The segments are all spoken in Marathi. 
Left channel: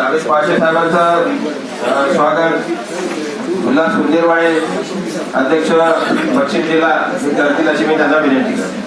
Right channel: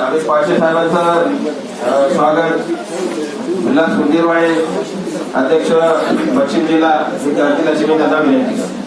नागेश पाटील साहेबांचं स्वागत. उल्हास कुंजीरवाळे अध्यक्ष पश्चिम जिल्हा करतील अशी मी त्यांना विनंती करतो.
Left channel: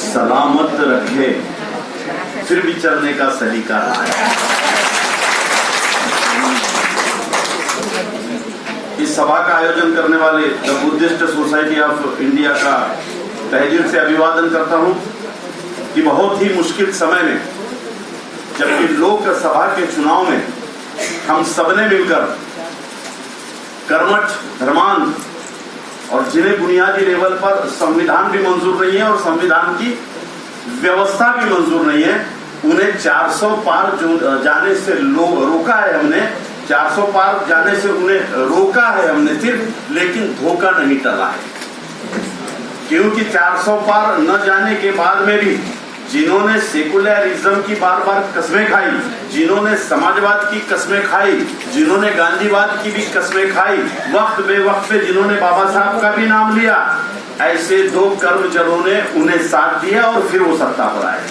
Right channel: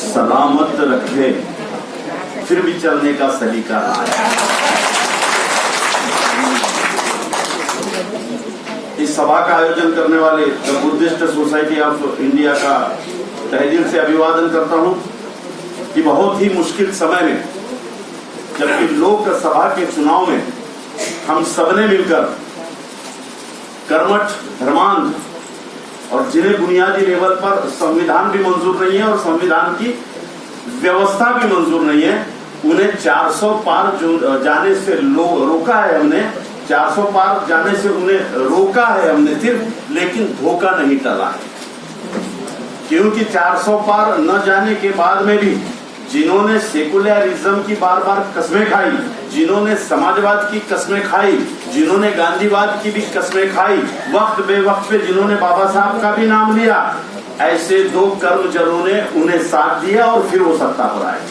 सलामत रखे, फिर भी चलने का सलीका इस सभा का आयोजन करने वाले the Buddhist Society of India का तहे दिल से अभिवादन करता हूँ कि बहुत ही मुश्किल समय में, जबकि लोकसभा के चुनाव में हम सबने मिलकर कर्मठ, धर्मांध और जिन्हें बुनियादी लेवल पर संविधान भी मंजूर नहीं है और संविधान की व्यवस्था भी मंजूर नहीं है, उन्हें 400 पार जो जाने से रोका है हमने 400 पार जाने से उन्हें रोका है हमने सिर्फ़, लेकिन धोखा नहीं टला है। क्योंकि 400 पार न जाने के बाद में भी जिन्होंने सेकुलरिज्म की बार बार कस्में खाई, जिन्होंने समाजवाद की कस्में खाई, जिन्होंने गांधीवाद की भी कस्में खाई, वक्त बे वक्त पे जिन्होंने बाबा साहब का भी नाम लिया, ऐसे दो कर्मचरों ने उन्हें साथ दिया और फिर वो सत्ता पर आए।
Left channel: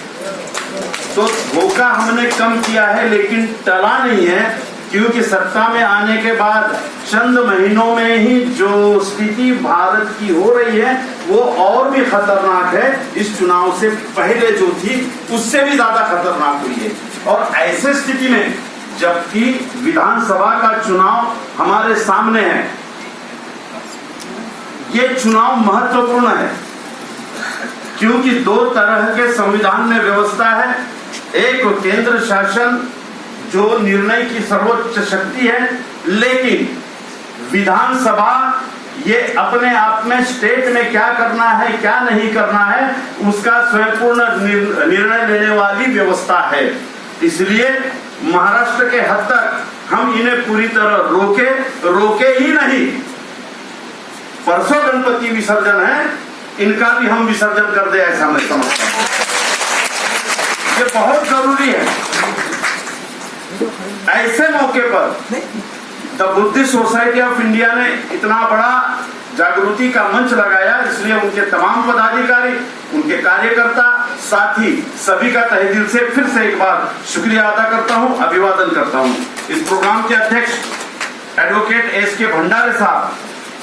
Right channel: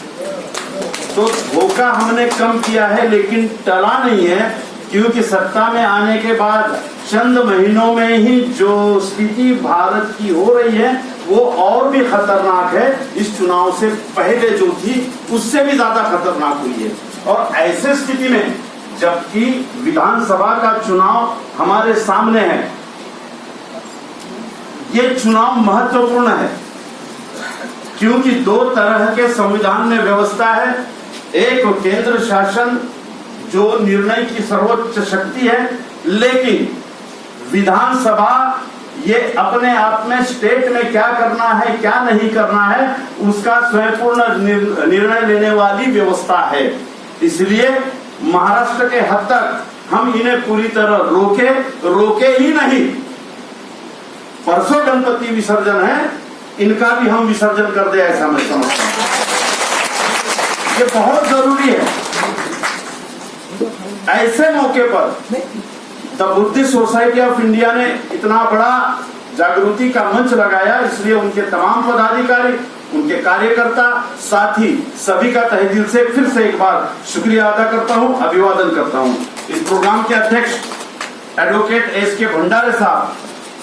तो धोखा हमने कम किया है, लेकिन टला नहीं है क्योंकि सत्ता में आने के बाद चंद महीनों में ही जो स्थिति भारत की हो रही है, वो और भी खतरनाक है। इस चुनाव से पहले जो थी, उससे भी ज़्यादा खतरनाक हुई है। और ऐसे स्थिति में, जबकि विधानसभा का चुनाव हमारे सामने है, ये चुनाव महत्वपूर्ण है। क्योंकि दो तरह के संविधान में व्यवस्था है। एक केंद्र शासन जो निर्णय की सर्वोच्च शक्ति है, लेकिन विधानसभा ये अपने आप में स्टेट में क्या करना है, क्या नहीं करना है, उसका स्वयंपूर्ण निर्णय लेने वाली व्यवस्था है। इसलिए महाराष्ट्र के हद तक हम इन्हें पूरी तरह रोके रोके ही नहीं। परसों गणपति विसर्जन है, इनका भी हम विसर्जन कर दे ऐसा मैं समझता हूँ। ये बहुत ज़रूरी है। ऐसे मौके पर the Buddhist Society of India ने इतना बड़ा जागृति का मंच लगाया, इसलिए उनके तमाम पदाधिकारी, उनके कार्यकर्ता, साथी सभी का तहे दिल से फिर से एक बार शुक्रिया अदा करता हूँ, अभिवादन करता हूँ। इस प्रोग्राम के अध्यक्ष एडवोकेट एस के भंडारे साहब,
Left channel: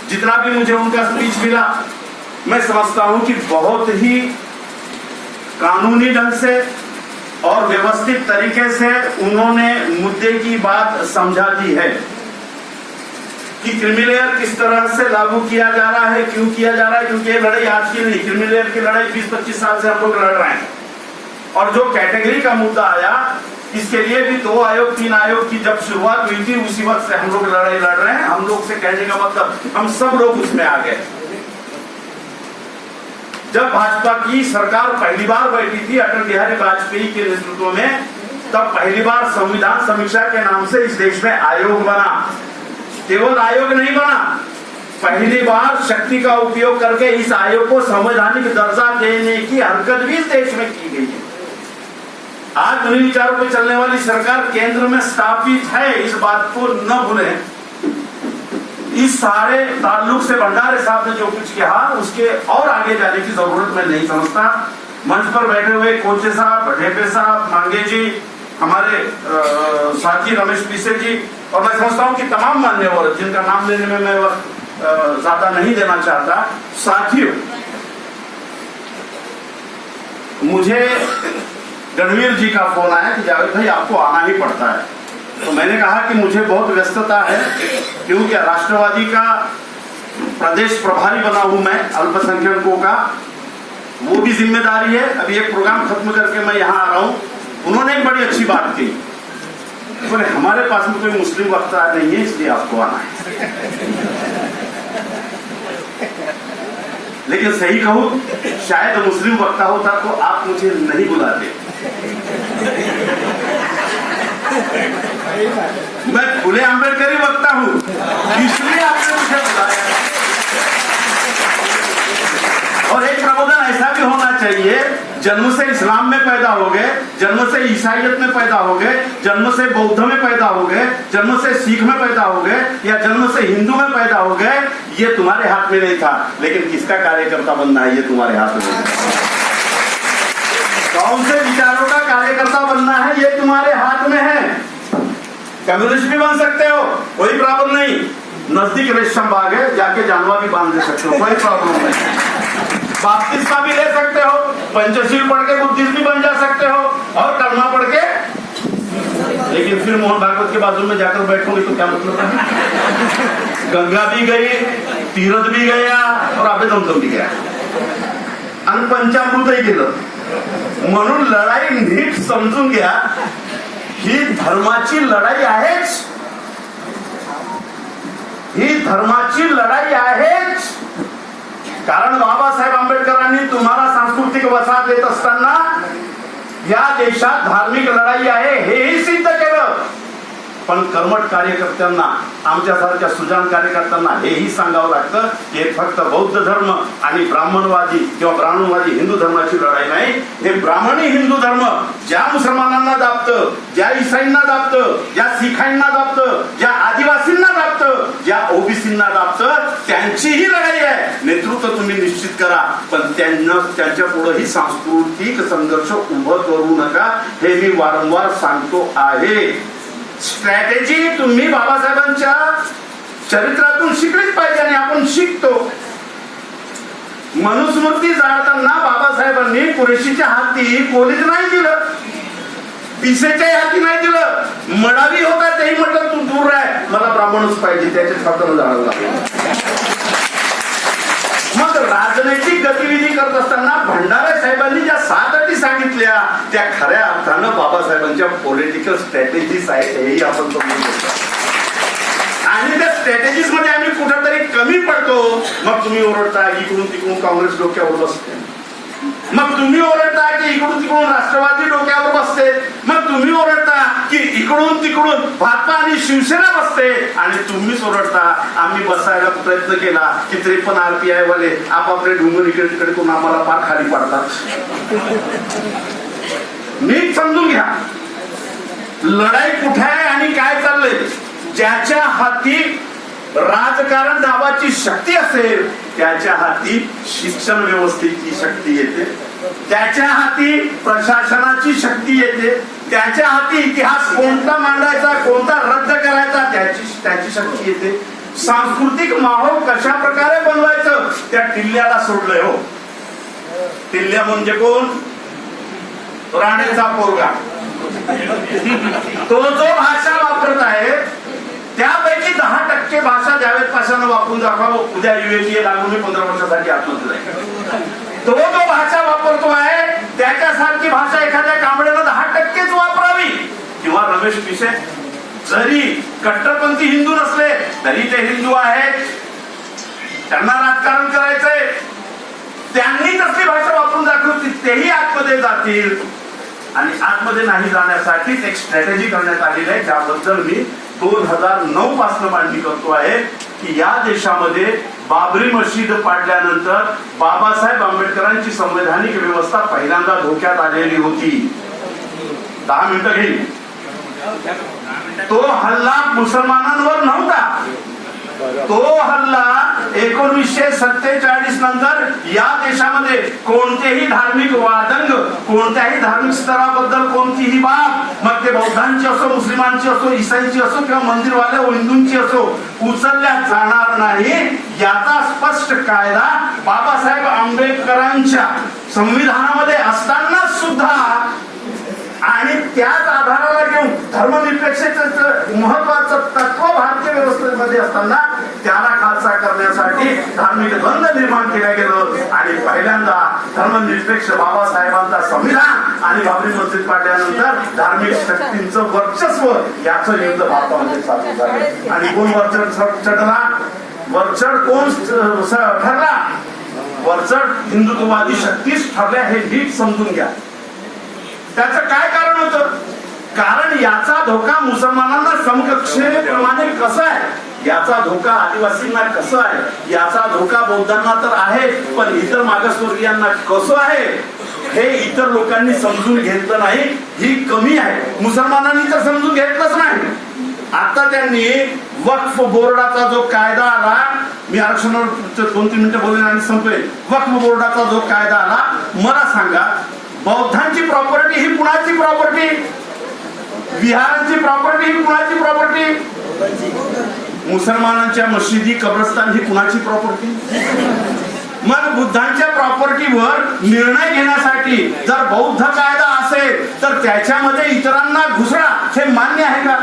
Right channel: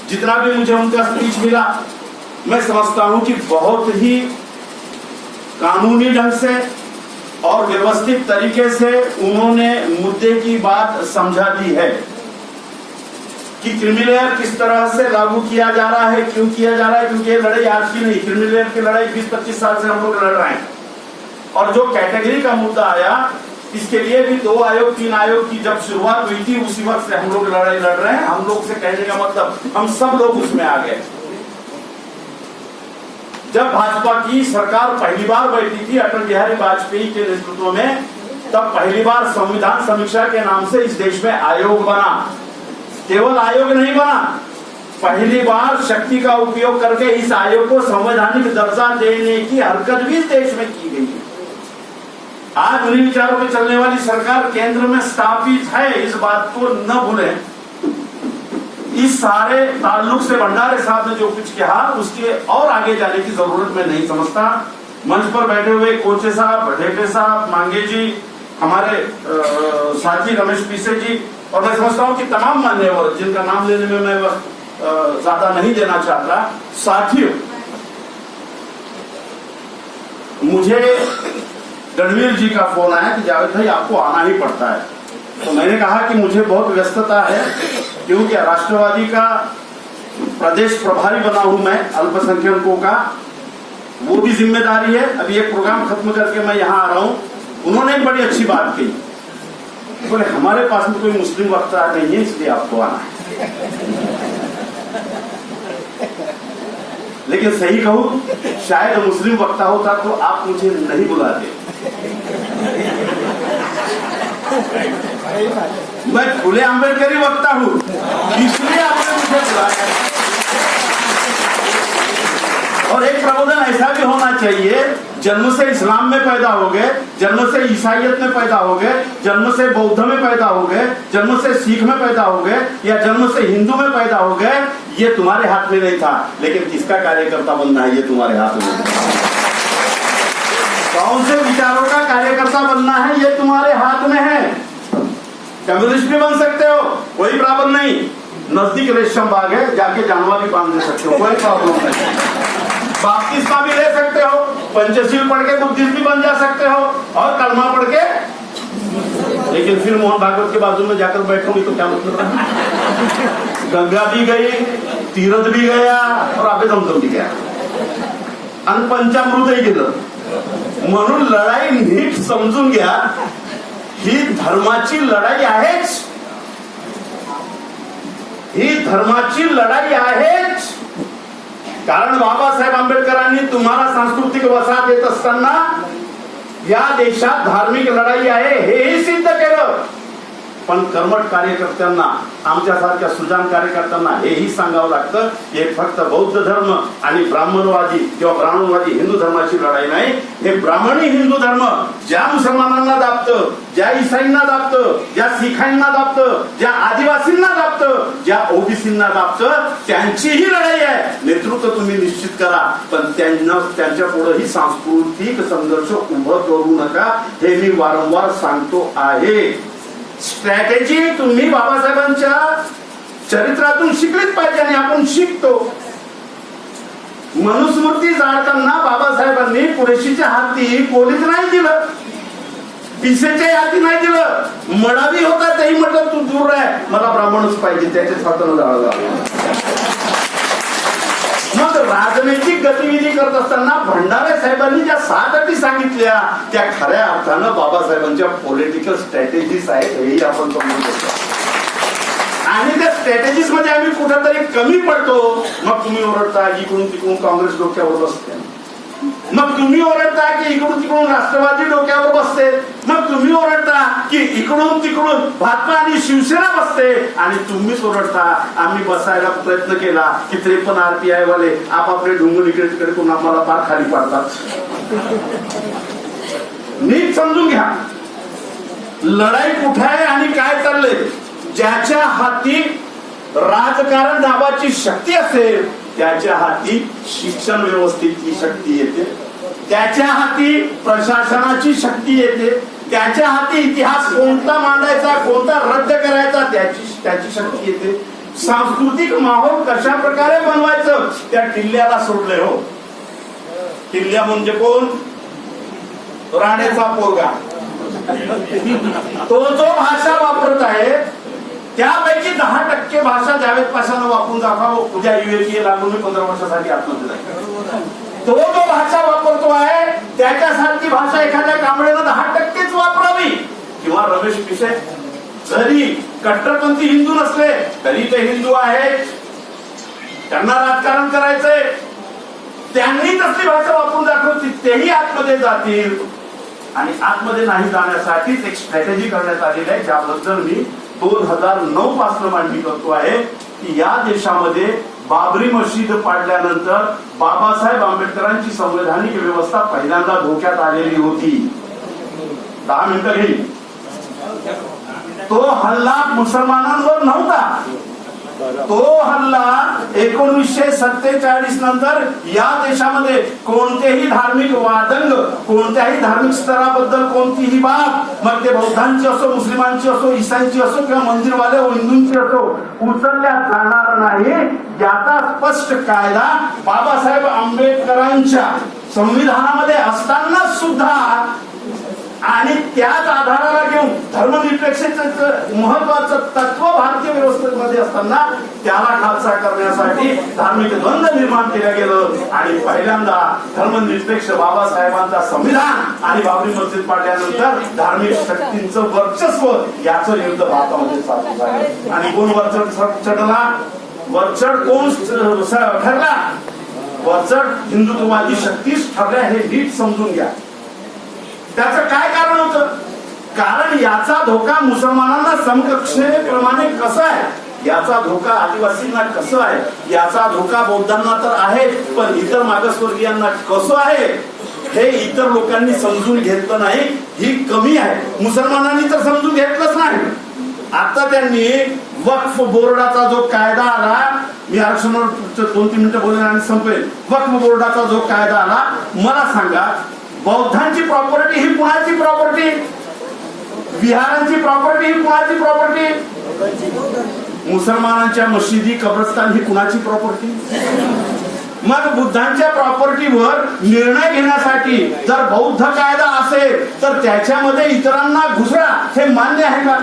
जितना भी मुझे उनका स्पीच मिला, मैं समझता हूँ कि बहुत ही कानूनी ढंग से और व्यवस्थित तरीके से उन्होंने मुद्दे की बात समझा दी है कि क्रिमिलेयर किस तरह से लागू किया जा रहा है, क्यों किया जा रहा है, क्योंकि ये लड़ाई आज की नहीं। क्रिमिलेयर की लड़ाई 20-25 साल से हम लोग लड़ रहे हैं। और जो कैटेगरी का मुद्दा आया, इसके लिए भी दो आयोग, तीन आयोग की जब शुरुआत हुई थी, उसी वक्त से हम लोग लड़ाई लड़ रहे हैं। हम लोग से कहने का मतलब हम सब लोग उसमें आ गए। जब भाजपा की सरकार पहली बार बैठी थी अटल बिहारी वाजपेयी के नेतृत्व में, तब पहली बार संविधान समीक्षा के नाम से इस देश में आयोग बना। केवल आयोग नहीं बना, पहली बार शक्ति का उपयोग करके इस आयोग को संवैधानिक दर्जा देने की हरकत भी इस देश में की गई है। आज उन्हीं विचारों पर चलने वाली सरकार केंद्र में स्थापित है, इस बात को न भूलें। इस सारे ताल्लुक से भंडारे साहब ने जो कुछ कहा उसके और आगे जाने की ज़रूरत मैं नहीं समझता। मंच पर बैठे हुए कोचे साहब ढेपे साहब मांगे जी हमारे अ, साथी रमेश पीसे जी और मैं समझता हूँ कि तमाम मान्यवर जिनका नाम लेने में मैं ज़्यादा नहीं देना चाहता साथियों मुझे रणवीर जी का फ़ोन आया कि जावेद भाई आपको आना ही पड़ता है। तो मैंने कहा कि मुझे बहुत व्यस्तता है क्योंकि राष्ट्रवादी का प्रदेश प्रभारी बना हूँ मैं, अल्पसंख्यकों का, वो भी ज़िम्मेदारी है। अभी एक प्रोग्राम खत्म करके मैं यहाँ आ रहा हूँ। उन्होंने एक बड़ी अच्छी बात कही बोले, हमारे पास में कोई मुस्लिम वक्ता नहीं है, इसलिए आपको आना है। लेकिन सही कहूँ, शायद मुस्लिम वक्ता होता तो आप मुझे नहीं बुलाते। मैं फुले आंबेडकरी वक्ता हूँ। इसलिए आपने मुझे बुलाया। और एक प्रबोधन ऐसा भी होना चाहिए, जन्म से इस्लाम में पैदा हो गए जन्म से ईसाइयत में पैदा हो गए जन्म से बौद्ध में पैदा हो गए जन्म से सिख में पैदा हो गए या जन्म से हिंदू में पैदा हो गए ये तुम्हारे हाथ में नहीं था। लेकिन किसका कार्यकर्ता बनना है, ये तुम्हारे हाथ में कौन से विचारों का कार्यकर्ता बनना है, ये तुम्हारे हाथ में है। कम्युनिस्ट भी बन सकते हो, कोई प्रॉब्लम नहीं। नज़दीक रेशम बाग है, जाके जानवर भी बाँध दे सकते हो, कोई प्रॉब्लम नहीं। बाप्तिस्मा भी ले सकते हो, पंचशील पढ़ के बुद्धिस्ट भी बन जा सकते हो, और कलमा पढ़ के। लेकिन फिर मोहन भागवत के बाजू में जाकर बैठोगे तो क्या मतलब है? गंगा भी गई, तीरथ भी गया, और आबे दमदम भी गया। आणि पंचामृतही गेलं म्हणून लढाई नीट समजून घ्या ही धर्माची लढाई आहेच. ही धर्माची लढाई आहेच. कारण बाबासाहेब आंबेडकरांनी तुम्हाला सांस्कृतिक वसाहत देत असताना या देशात धार्मिक लढाई आहे हेही सिद्ध केलं. पण कर्मठ कार्यकर्त्यांना आमच्यासारख्या सुजान कार्यकर्त्यांना हेही सांगावं लागतं की हे फक्त बौद्ध धर्म आणि ब्राह्मणवादी किंवा ब्राह्मणवादी हिंदू धर्माची लढाई नाही हे ब्राह्मणी हिंदू धर्म ज्या मुसलमानांना दाबतं ज्या इसाईंना दाबतं ज्या सिखांना दाबतं ज्या आदिवासींना दाबतं ज्या ओबीसींना दाबतं त्यांचीही लढाई आहे. नेतृत्व तुम्ही निश्चित करा पण त्यांना त्यांच्या पुढेही सांस्कृतिक संघर्ष उभं करू नका हे मी वारंवार सांगतो आहे. स्ट्रॅटेजी तुम्ही बाबासाहेबांच्या चरित्रातून शिकलीच पाहिजे आणि आपण शिकतो. मनुस्मृती जाळताना बाबासाहेबांनी कुरेशीच्या हाती कोणीच नाही दिलं. पिसेच्या हाती नाही दिलं. मडावी होता तेही म्हटलं तू दूर राह. मला ब्राह्मणच पाहिजे त्याच्याच हातानं जाळं लागलं. राजनैतिक गतिविधी करत असताना भंडारे साहेबांनी ज्या सात अटी सांगितल्या त्या खऱ्या अर्थानं बाबासाहेबांच्या पॉलिटिकल स्ट्रॅटेजीज आहेत हेही आपण समजू घेतो आणि त्या स्ट्रॅटेजीजमध्ये आम्ही कुठेतरी कमी पडतो. मग तुम्ही ओरडता इकडून तिकडून काँग्रेस डोक्यावर बसते. मग तुम्ही ओरडता की इकडून तिकडून राष्ट्रवादी डोक्यावर बसते. मग तुम्ही ओरडता की इकडून तिकडून भाजपा आणि शिवसेना बसते आणि तुम्हीच ओरडता. आम्ही बसायला प्रयत्न केला की त्रेपन्न आरपीआय वाले आपापले डोंगर इकडे तिकडे करून आम्हाला पार खाली पाडतात. नीट समजून घ्या. लढाई कुठे आहे आणि काय चाललंय? ज्याच्या हाती राजकारण दाबाची शक्ती असेल त्याच्या हाती शिक्षण व्यवस्थेची शक्ती येते. त्याच्या हाती प्रशासनाची शक्ती येते. त्याच्या हाती इतिहास कोणता मांडायचा कोणता रद्द करायचा त्याची त्याची शक्ती येते. सांस्कृतिक माहोल कशा प्रकारे बनवायचं त्या किल्ल्याला सोडलंय हो. किल्ल्या म्हणजे कोण? राणेचा पोरगा. तो जो भाषा वापरत आहे त्यापैकी दहा टक्के भाषा जावेद पाशानं वापरून दाखवा. उद्या युएपीए लागून पंधरा वर्षासाठी आत्महत्या जाईल. तो जो भाषा वापरतो आहे त्याच्यासारखी भाषा एखाद्या कांबळेनं किंवा रमेश जरी कट्टरपंथी हिंदू नसले तरी ते हिंदू आहेत. त्यांना राजकारण करायचंय. त्यांनी कसली भाषा वापरून दाखवली तेही आतमध्ये जातील. आणि आतमध्ये नाही जाण्यासाठीच एक स्ट्रॅटेजी करण्यात आलेली आहे ज्याबद्दल मी दोन हजार नऊ पासून मांडणी करतो आहे की या देशामध्ये बाबरी मशीद पाडल्यानंतर बाबासाहेब आंबेडकरांची संवैधानिक व्यवस्था पहिल्यांदा धोक्यात आलेली होती. दहा मिनिटं घेईल. तो हल्ला मुसलमानांवर नव्हता. तो हल्ला एकोणीसशे सत्तेचाळीस नंतर या देशामध्ये कोणतेही धार्मिक वादंग कोणत्याही धार्मिक स्तराबद्दल कोणतीही बाब मग ते बौद्धांची असो मुस्लिमांची असो ईसाईची असो किंवा मंदिरवाले हिंदूंची असो उचलल्या जाणार नाही याचा स्पष्ट कायदा बाबासाहेब आंबेडकरांच्या संविधानामध्ये असताना सुद्धा आणि त्याच आधाराला घेऊन धर्मनिरपेक्षतेचं महत्वाचं तत्व भारतीय व्यवस्थेमध्ये असताना त्याला खालसा करण्यासाठी धार्मिक द्वंद निर्माण केलं गेलं. आणि पहिल्यांदा धर्मनिरपेक्ष बाबासाहेबांचा संविधान आणि बाबरी मस्जिद पाडल्यानंतर धार्मिक शक्तींचं वर्चस्व याचं युद्ध भारतामध्ये चालू झालं. आणि कोण वरचढ चढला? वरचढ कोण ठरला? वरचढ हिंदुत्ववादी शक्तीच ठरल्या हे नीट समजून घ्या. त्याचं काय कारण होतं? कारण याचा धोका मुसलमानांना समकक्षेप्रमाणे कसा आहे? याचा धोका आदिवासींना कसं आहे? याचा धोका बौद्धांना तर आहे पण इतर मागासवर्गीयांना कसं आहे? हे इतर लोकांनी समजून घेतलं नाही ही कमी आहे. मुसलमानांनी तर समजून घेतलंच नाही. आता त्यांनी वक्फ बोर्डाचा जो कायदा आला मी आरक्षणावर दोन तीन मिनिटं बोलेन आणि संपवेल वक्फ बोर्डाचा जो कायदा आला मला सांगा बौद्धांची प्रॉपर्टी ही कुणाची प्रॉपर्टी विहारांची प्रॉपर्टी ही कुणाची प्रॉपर्टी मुसलमानांच्या मशिदी कब्रस्तान ही कुणाची प्रॉपर्टी मग बुद्धांच्या प्रॉपर्टीवर निर्णय घेण्यासाठी जर बौद्ध कायदा असेल तर त्याच्यामध्ये इतरांना घुसळा हे मान्य आहे का?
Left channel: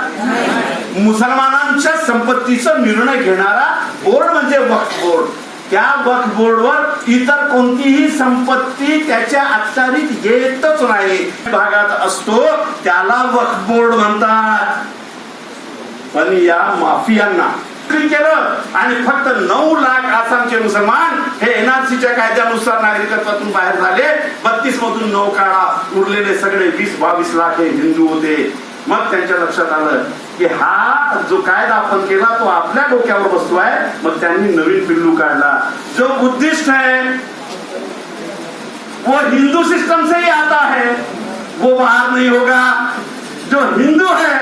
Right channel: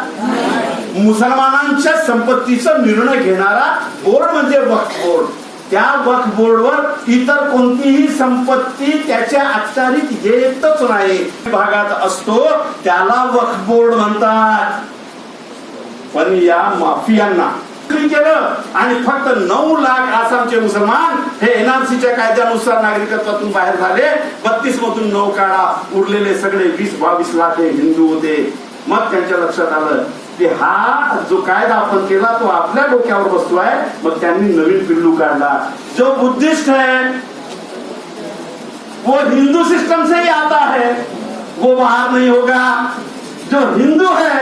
मुसलमानांच्या संपत्तीचा निर्णय घेणारा बोर्ड म्हणजे वक्फ बोर्ड. त्या वक्फ बोर्डवर इतर कोणतीही संपत्ती त्याच्या अखत्यारीत येतच नाही. भागात असतो त्याला वक्फ बोर्ड म्हणतात. पण या माफियांना. केलं आणि फक्त नऊ लाख आसामचे मुसलमान हे एनआरसीच्या कायद्यानुसार नागरिकत्वातून बाहेर झाले. बत्तीस मधून नऊ काळा उरलेले सगळे वीस बावीस लाख हे हिंदू होते. मग त्यांच्या लक्षात आलं की हा जो कायदा आपण केला तो आपल्या डोक्यावर बसतोय, मग त्यांनी नवीन पिल्लू काढला. जो बुद्धिस्ट है वो हिंदू सिस्टम से ही आता है. वो बाहर नहीं होगा. जो हिंदू है,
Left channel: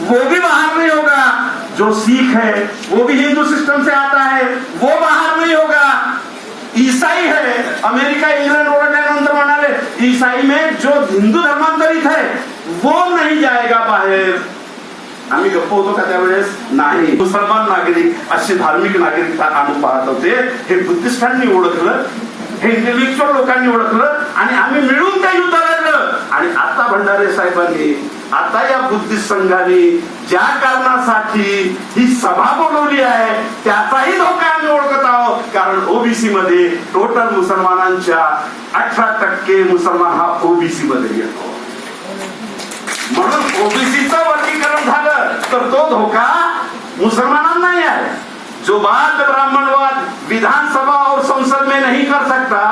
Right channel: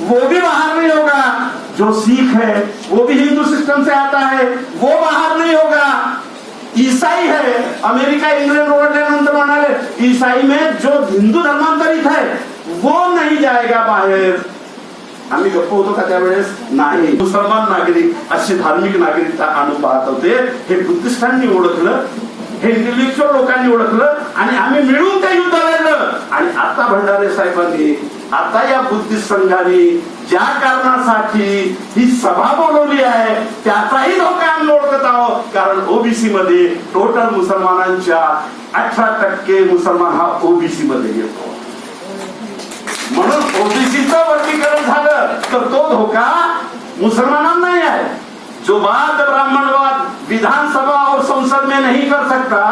वो भी बाहर नहीं होगा. जो सिख है, वो भी हिंदू सिस्टम से आता है. वो बाहर नहीं होगा. ईसाई है, अमेरिका, इंग्लैंड ओरडल्यानंतर म्हणाले ईसाई में जो हिंदू धर्मांतरित है, वो नहीं जाएगा बाहेर. आम्ही गप्प होतो का त्यावेळेस? नाही. मुसलमान नागरिक असे धार्मिक नागरिकता आणून पाहत होते हे बुद्धिस्टांनी ओळखलं हे इंटेलेक्च्युअल लोकांनी ओळखलं आणि आम्ही मिळून त्या युद्ध लढलं. आणि आता भंडारे साहेबांनी आता या बुद्धिस्ट संघाने ज्या कारणासाठी ही सभा बोलवली आहे त्याचाही धोका आम्ही ओळखत आहोत. कारण ओबीसी मध्ये टोटल मुसलमानांच्या अठरा टक्के मुसलमान हा ओबीसी मध्ये येतो. म्हणून ओबीसीचं वर्गीकरण झालं, तर तो धोका मुसलमानांना नाही आहे. जो बात ब्राह्मणवाद विधानसभा और संसद में नहीं कर सकता,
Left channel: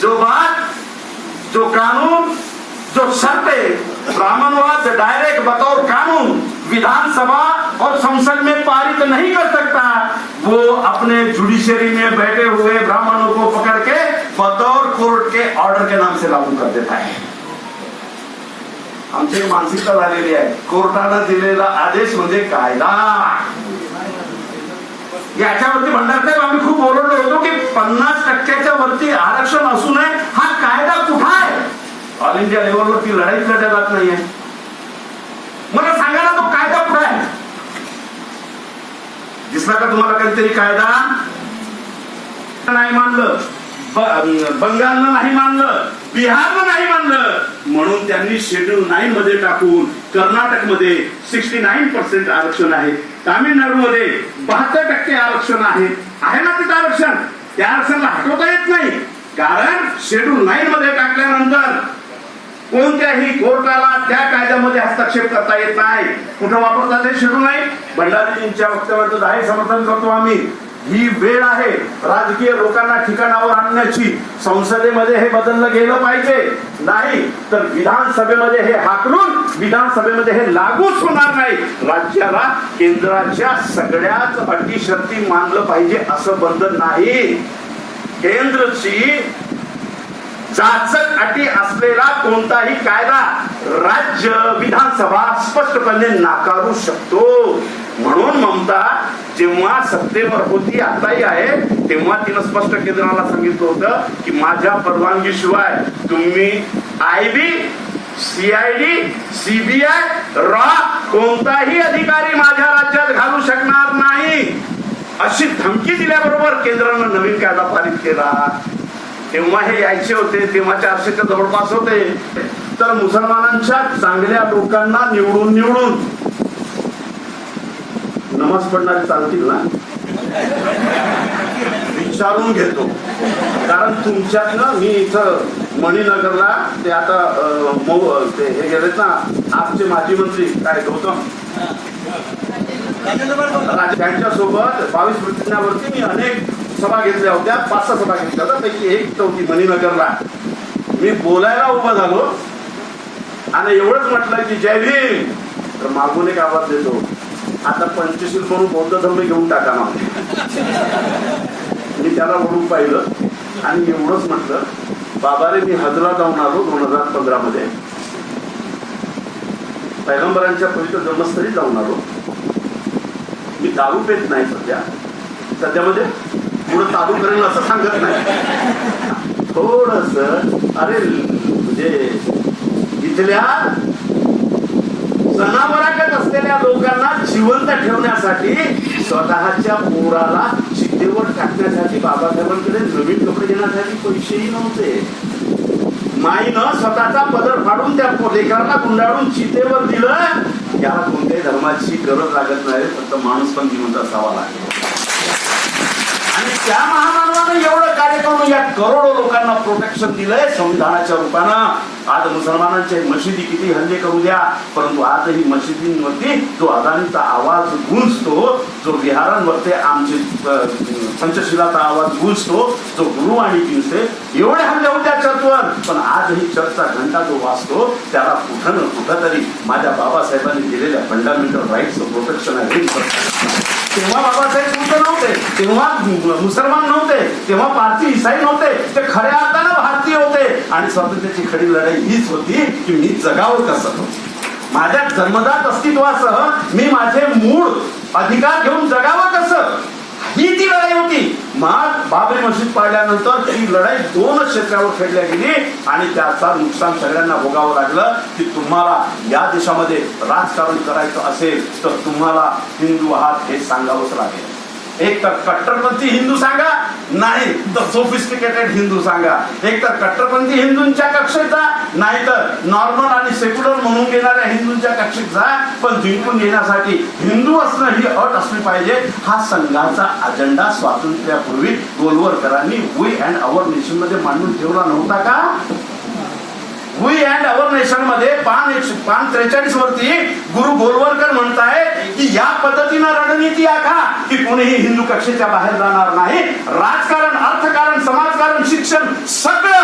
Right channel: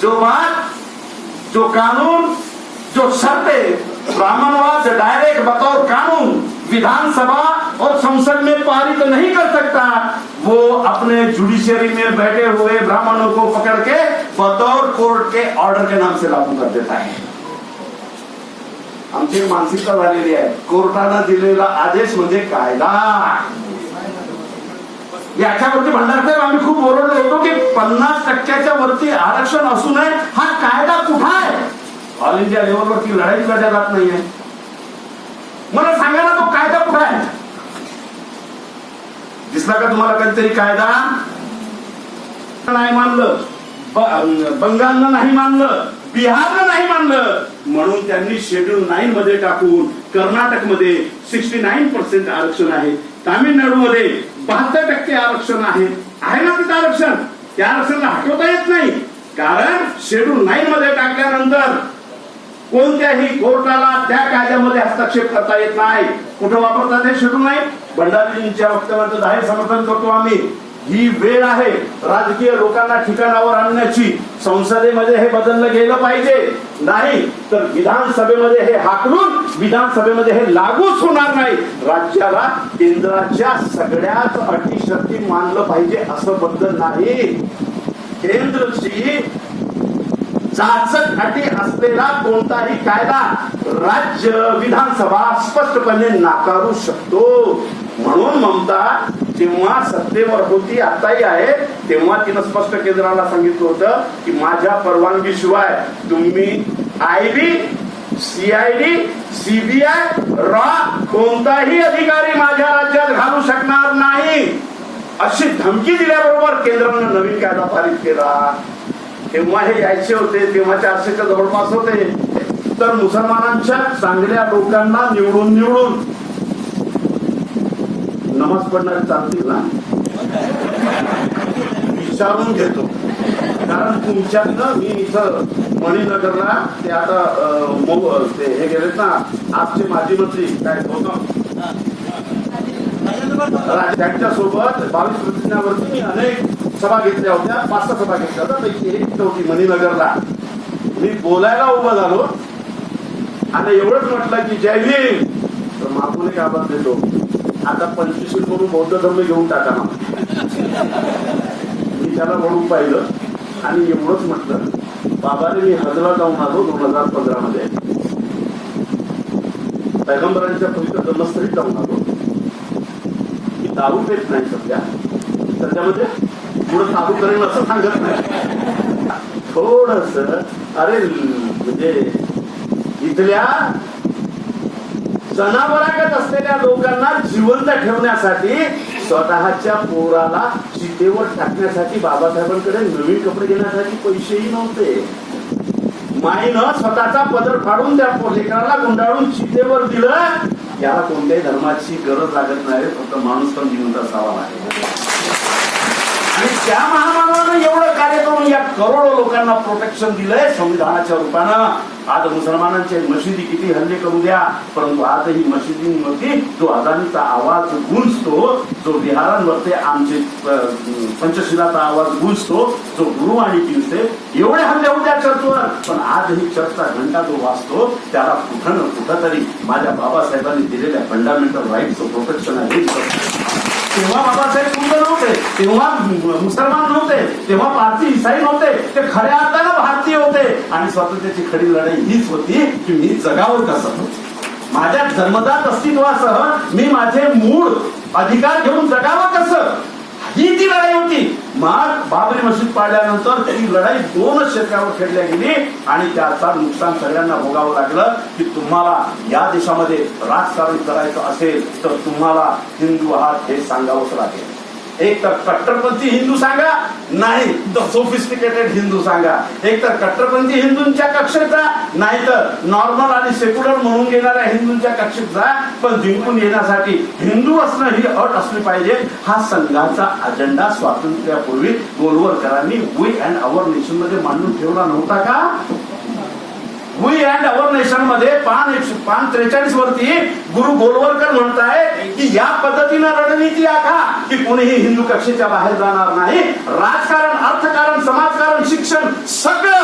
जो बात जो कानून, जो शर्तें, ब्राह्मणवाद डायरेक्ट बतौर कानून विधानसभा और संसद में पारित नहीं कर सकता, वो अपने जुडिशरी में बैठे हुए ब्राह्मणों को पकड़ के बतौर कोर्ट के ऑर्डर के नाम से लागू कर देता है। आमची मानसिकता झालेली आहे. कोर्टानं दिलेला आदेश म्हणजे कायदा. याच्यावरती भंडारसाहेब आम्ही खूप ओरडलो होतो की पन्नास टक्क्याच्या वरती आरक्षण असू नये. हा कायदा कुठं आहे? ऑल इंडिया लेवलवरती लढाई लढल्या जात नाहीये. मला सांगा ना तो कायदा कुठं आहे? दिसला का तुम्हाला काहीतरी कायदा? नाही मानलं. बंगालनं नाही मानलं. बिहारनं नाही मानलं. म्हणून त्यांनी शेड्यूल नाईन मध्ये टाकून कर्नाटकमध्ये सिक्स्टी नाईन पर्सेंट आरक्षण आहे. तामिळनाडूमध्ये बहात्तर टक्के आरक्षण आहे. आहे ना तिथं आरक्षण? त्या आरक्षणाला हटवता येत नाही. कारण शेड्यूल नाईन मध्ये टाकल्यानंतर कोणत्याही कोर्टाला त्या कायद्यामध्ये हस्तक्षेप करता येत नाही. कुठं वापरतात हे शेड्यूल नाही भंडारीजींच्या वक्तव्याचं जाहीर समर्थन करतो आम्ही. ही वेळ आहे राजकीय लोकांना ठिकाणावर आणण्याची. संसदेमध्ये हे बदललं गेलं पाहिजे. नाही तर विधानसभेमध्ये हे हाकलून विधानसभेमध्ये हे लागूच होणार नाही. राज्याला केंद्राच्या सगळ्याच अटी शक्ती मानलं पाहिजे असं बंधन नाही. केंद्रची जाचक अटी असलेला कोणताही कायदा राज्य विधानसभा स्पष्टपणे नाकारू शकतो. म्हणून ममता जेव्हा सत्तेवर होती आताही आहे तेव्हा तिनं स्पष्ट केंद्राला सांगितलं होतं की माझ्या परवानगीशिवाय तुम्ही आय बी सीआयडी सीबीआय रॉ कोणताही अधिकारी माझ्या राज्यात घालू शकणार नाही. अशी धमकी दिल्याबरोबर केंद्रानं नवीन कायदा पारित केला. तेव्हा हे यायचे होते तेव्हा चारशेच्या जवळपास होते. तर मुसलमानांच्या चांगल्या लोकांना निवडून निवडून. नमाज पडणारे चालतील ना? विचारून घेतो. कारण तुमच्यातलं मी इथं मणिनगरला ते आता ते हे गेलेत ना आजचे माजी मंत्री काय होतं त्यांच्यासोबत बावीस प्रतिज्ञावरती मी अनेक सभा घेतल्या होत्या पाच सहा सभा घेतल्या होत्या. पैकी एक होती मणिनगरला. मी बोलायला उभा झालो. आणि एवढंच म्हटलं की जय भीम. तर मागून एक आवाज देतो. आता पंचवीस म्हणून बौद्ध धर्म घेऊन टाका ना. मी त्याला वळून पाहिलं. आणि एवढंच म्हटलं बाबाने मी हजला जाऊन आलो दोन हजार पंधरा मध्ये पैगंबरांच्या पवित्र जन्मस्थळी जाऊन आलो. मी दारू पेत नाही सध्या. सध्यामध्ये पुढे चालू करेल असं सांगत नाही. थोडस अरे म्हणजे इथल्या जनावरागत असलेल्या लोकांना जिवंत ठेवण्यासाठी स्वतःच्या पोराला चितेवर टाकण्यासाठी बाबासाहेबांकडे नवीन कपडे घेण्यासाठी पैसेही नव्हते. माईनं स्वतःचा पदर फाडून त्या लेकराला गुंडाळून चितेवर दिलं. याला कोणत्याही धर्माची गरज लागत नाही फक्त माणूस पण जिवंत असावा लागेल आणि त्या महामानवानं एवढं कार्य करून या करोडो लोकांना प्रोटेक्शन दिलंय संविधानाच्या रूपानं. आज मुसलमानांचे मशिदी किती हल्ले करू द्या परंतु आजही मशिदींमध्ये जो अदानीचा आवाज गुंजतो जो बिहारांवरते आमचे पंचशिलाचा आवाज गुंजतो जो गुरुवाणी पिंजते एवढे हल्ले होत्या चर्चवर. पण आजही चर्चचा घंटा जो वाचतो त्याला कुठं न कुठं तरी माझ्या बाबासाहेबांनी दिलेल्या फंडामेंटल राईटचं प्रोटेक्शन आहे. तेव्हा बाबासाहेब कुठे नव्हते? तेव्हा मुसलमान नव्हते. तेव्हा पारसी इसाई नव्हते. ते खऱ्या अर्थानं भारतीय होते. आणि स्वातंत्र्याची खरी लढाई हीच होती की मी जगावं कसं माझ्या जन्मदात अस्तित्वासह मी माझे मूळ अधिकार घेऊन जगावं कसं ही ती लढाई होती. मग बाबरी मशीद पाडल्यानंतर ती लढाई दोनच क्षेत्रावर खेळल्या गेली आणि त्याचा नुकसान सगळ्यांना भोगावं लागलं की तुम्हाला या देशामध्ये राजकारण करायचं असेल तर तुम्हाला हिंदू आहात हे सांगावंच लागेल. एक तर कट्टरपंथी हिंदू सांगा नाही तर सोफिस्टिकेटेड हिंदू सांगा. एक तर कट्टरपंथी हिंदूंच्या कक्षेत जा नाही तर नॉर्मल आणि सेक्युलर म्हणून घेणाऱ्या हिंदूंच्या कक्षेत जा पण जिंकून येण्यासाठी हिंदू असणं ही अट असली पाहिजे. हा संघाचा अजेंडा स्वातंत्र्यापूर्वी गोलवरकरांनी वी अँड अवर नेशनमध्ये मांडून ठेवला नव्हता का? वी अँड अवर नेशनमध्ये पान पान त्रेचाळीस वरती गुरु गोलवरकर म्हणतायत की या पद्धतीनं रणनीती आखा की कोणीही हिंदू कक्षेच्या बाहेर जाणार नाही. राजकारण अर्थकारण समाजकारण शिक्षण सगळं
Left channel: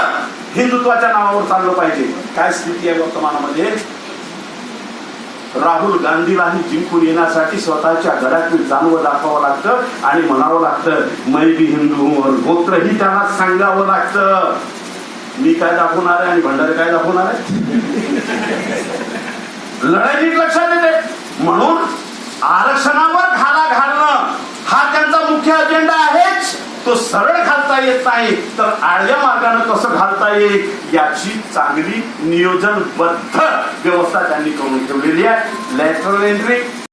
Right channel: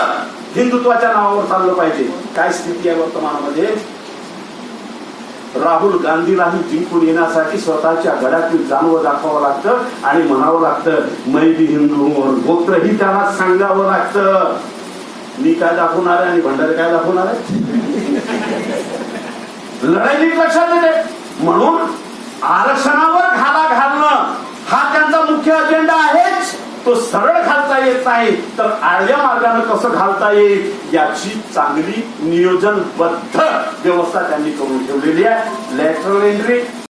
हिंदुत्वाच्या नावावर चाललं पाहिजे. काय स्थिती आहे वर्तमानामध्ये? राहुल गांधीलाही जिंकून येण्यासाठी स्वतःच्या गडातील जाणवं दाखवावं लागतं आणि म्हणावं लागतं मै बी हिंदू गोत्र गोत्रही त्याला सांगावं लागतं. मी काय दाखवणार आहे आणि भंडारे काय दाखवणार आहे? लढाई नीट लक्षात येते. म्हणून आरक्षणावर घाला घालणं हा त्यांचा मुख्य अजेंडा आहेच. तो सरळ घालता येत नाही तर आळ्या मार्गाने कसं घालता येईल? याची चांगली नियोजनबद्ध व्यवस्था त्यांनी करून ठेवलेली आहे. Lateral entry